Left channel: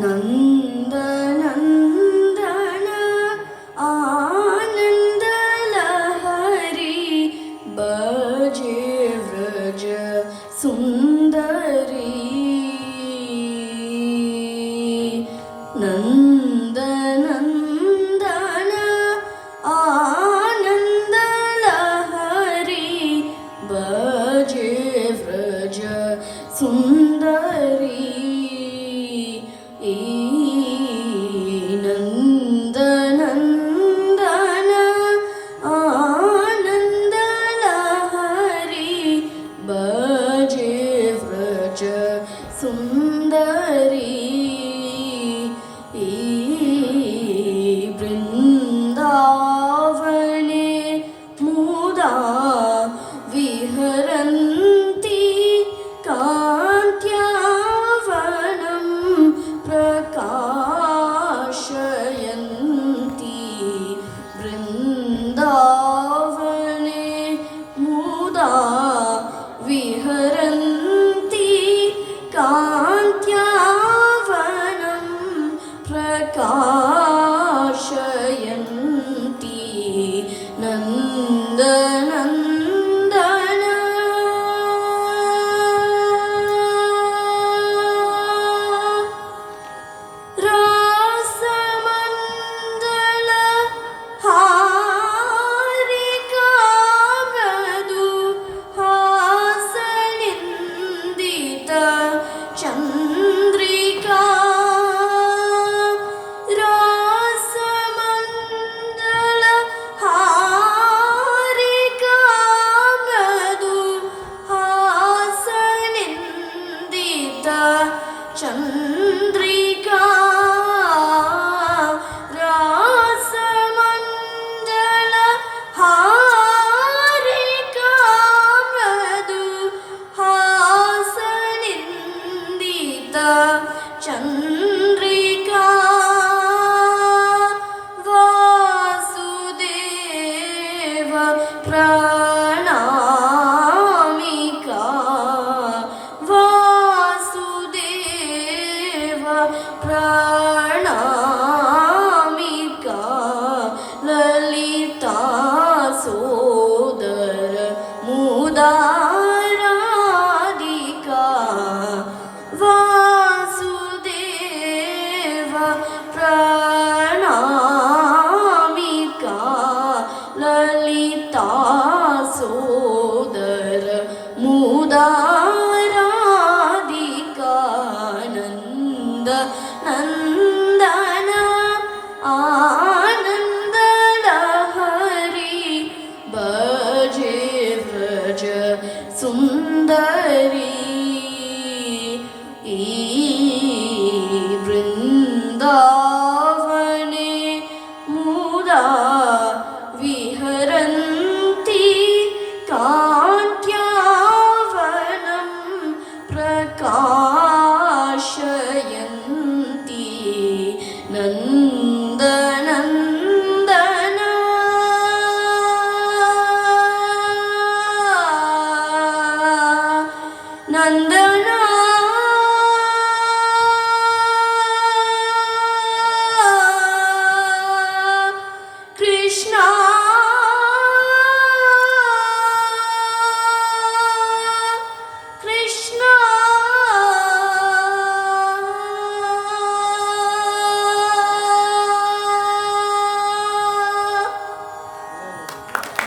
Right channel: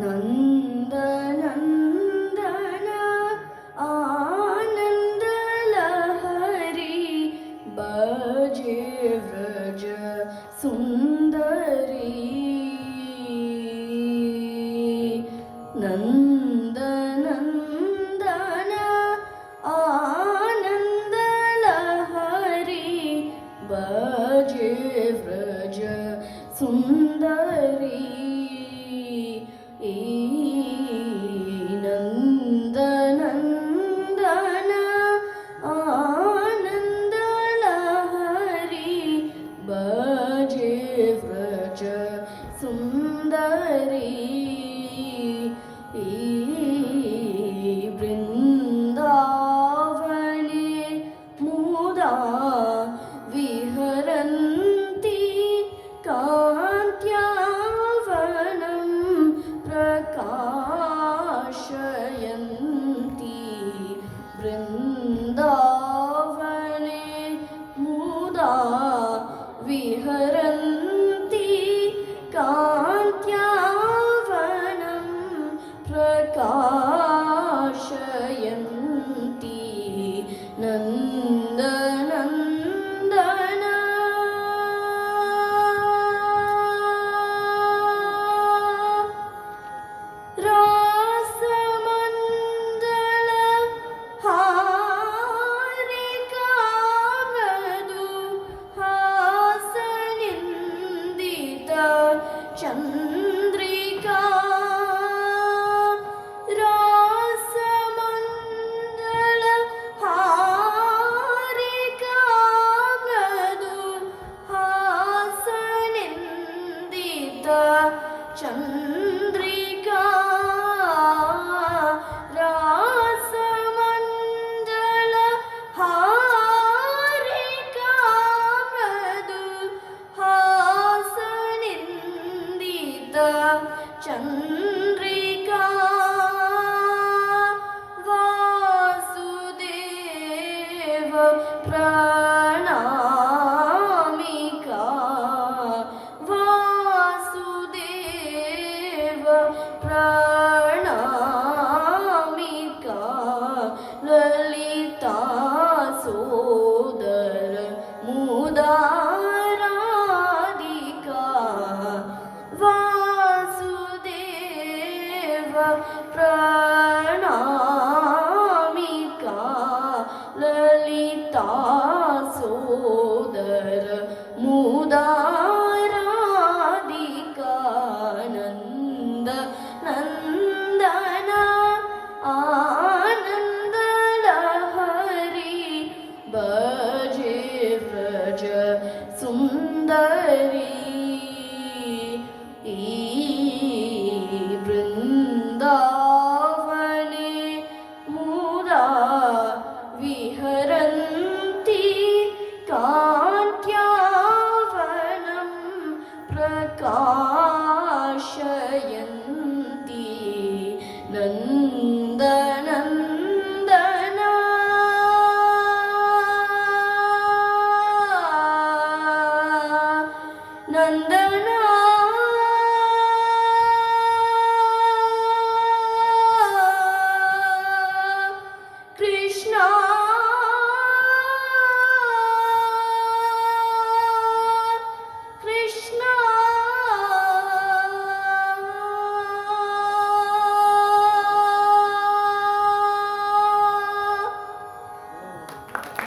नंद नंदन आनंद लहरी बजे व्रज सुंदरी नंद नंदन आनंद लहरी बजे व्रज सुंदरी नंद नंदन आनंद लहरी बजे व्रज सुंदरी वृंदावने मुदा विहरन्ति कान्त्यावनं प्रकाशयन्ति वृंदावने मुदा विहरन्ति कान्त्यावनं प्रकाशयन्ति नंद नंदन रासमंदल हारिका मृदु हासनिंदित चंद्रिका रासमंदल हारिका मृदु हासनिंदित चंद्रिका रासमंदल हारिका मृदु हासनिंदित चंद्रिका वासुदेव प्रणामिका वासुदेव प्रणामिका ललिता सोदर मुदाराधिका वासुदेव प्रणामिका ललिता सोदर मुदाराधिका नंद नंदन आनंद लहरी